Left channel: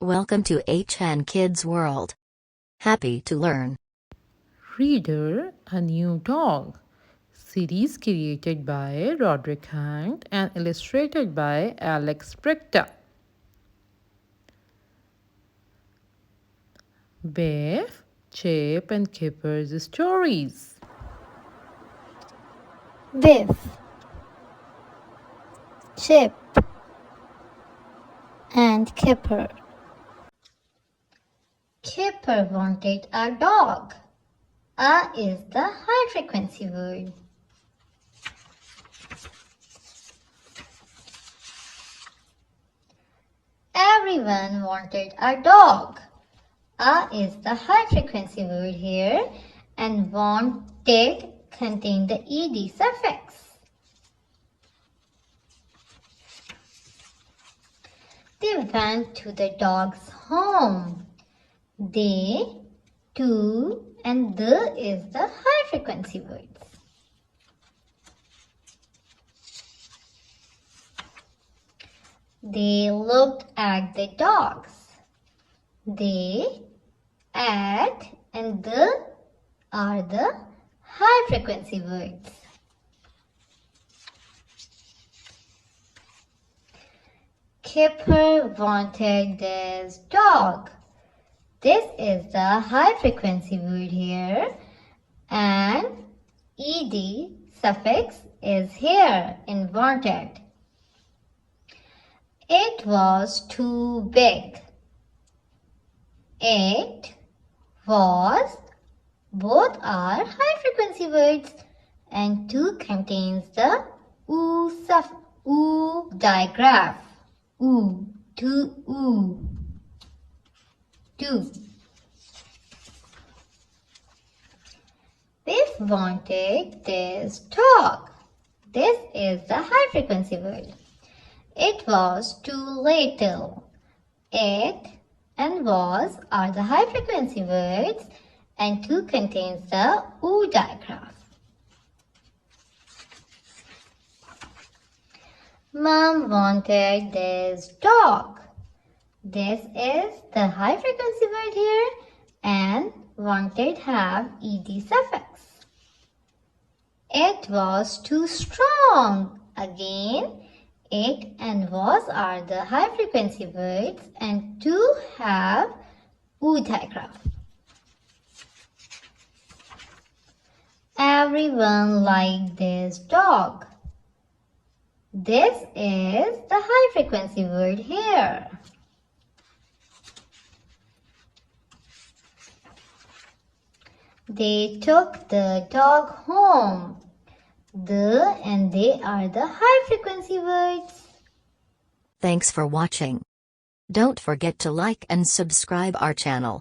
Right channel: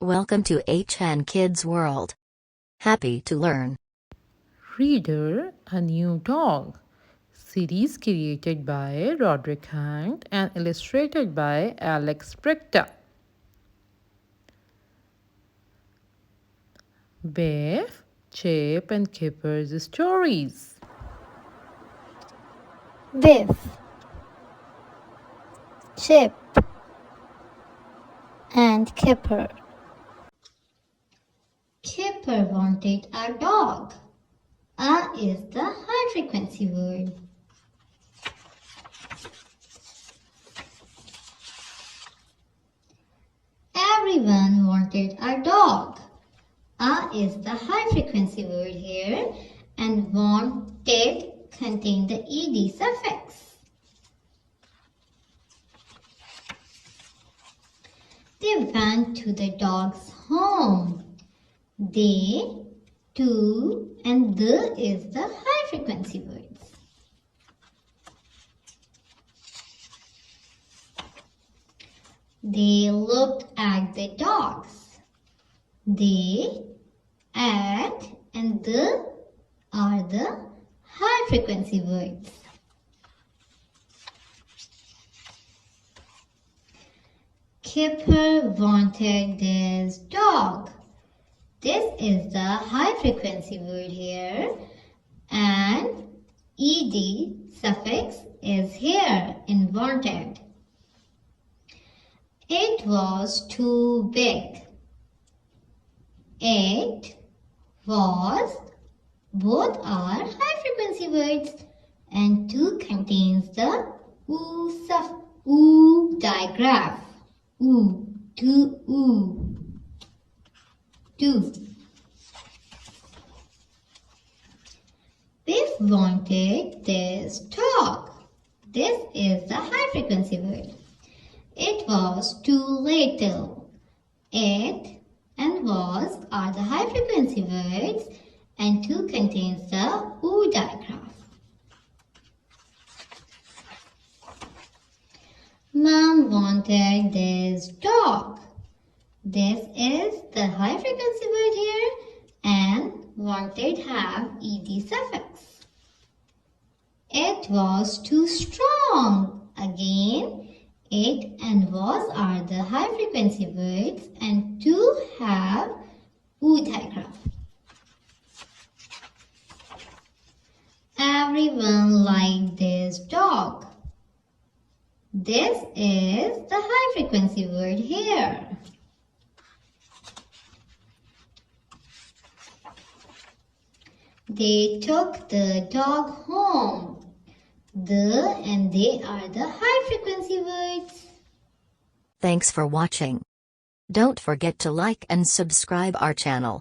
Welcome to HN Kids World. Happy to learn. Reader, a new dog. Series created by Roderick and illustrated by Brychta. Biff, Chip and Kipper's stories. Biff, Chip, and Kipper. Kipper wanted a dog. A is the high frequency word. Everyone wanted a dog. A is the high frequency word here, and wanted contain the ed suffix. They went to the dog's home. They, to, and the is the high frequency words. They looked at the dogs. They, at, and the are the high frequency words. Kipper wanted this dog. This is the high frequency word here, and ed suffix is here in wanted. It was too big. It was, both are high frequency words, and two contains the oo digraph. Oo, to oo. Two. Biff wanted this dog. This is the high frequency word. It was too little. It and was are the high frequency words, and two contains the oo digraph. Mom wanted this dog. This is the high frequency word here, and wanted have ed suffix. It was too strong. Again, it and was are the high frequency words, and two have oo digraph. Everyone liked this dog. This is the high frequency word here. They took the dog home. The and they are the high frequency words. Thanks for watching. Don't forget to like and subscribe our channel.